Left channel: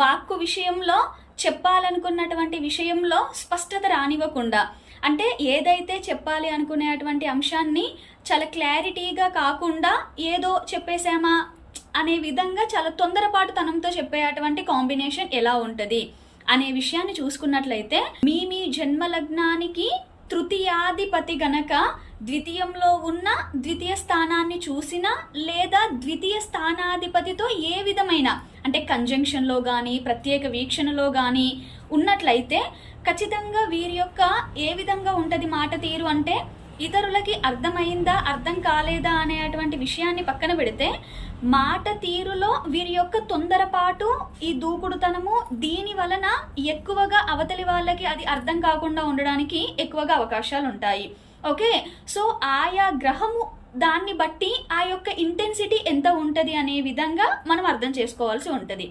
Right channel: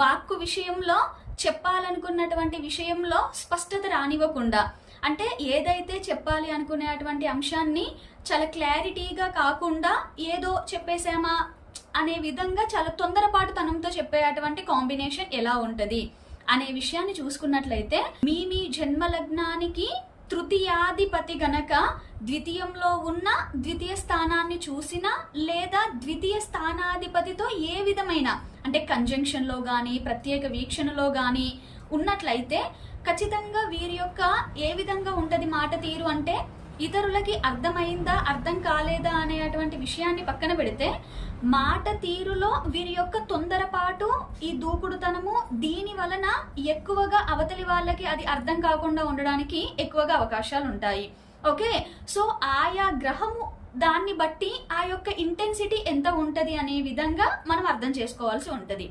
వాక్కు విషయంలో చెప్పాలనుకున్నటువంటి విషయంలో స్పష్టత రానివ్వకుండా, అంటే ఏదైతే చెప్పాలి అనుకునేటువంటి అంశాన్ని చాలా క్లారిటీగా కాకుండా ఏదో చెప్పేశామా అనే విధంగా చాలా తొందరపాటుతనంతో చెప్పేటువంటి కాంబినేషన్ ఎలా ఉంటుంది అనే విషయాన్ని చూసుకున్నట్లయితే, మీ జన్మ లగ్నానికి తృతీయాధిపతి గనక ద్వితీయంలో ఉన్న ద్వితీయ స్థానాన్ని చూసినా లేదా ద్వితీయ స్థానాధిపతితో ఏ విధమైన అంటే కంజంక్షన్లో కానీ ప్రత్యేక వీక్షణలో కానీ ఉన్నట్లయితే ఖచ్చితంగా వీరి యొక్క ఏ విధంగా ఉంటుంది మాట తీరు అంటే, ఇతరులకి అర్థమైందా అర్థం కాలేదా అనేటువంటి విషయాన్ని పక్కన పెడితే మాట తీరులో వీరి యొక్క తొందరపాటు, ఈ దూకుడుతనము దీని వలన ఎక్కువగా అవతలి వాళ్ళకి అది అర్థం కాకుండా ఉండడానికి ఎక్కువగా అవకాశాలు ఉంటాయి. ఓకే, సో ఆయా గ్రహము దాన్ని బట్టి ఆ యొక్క ఇంటెన్సిటీ ఎంత ఉంటుంది అనే విధంగా మనం అర్థం చేసుకోవాల్సి ఉంటుంది.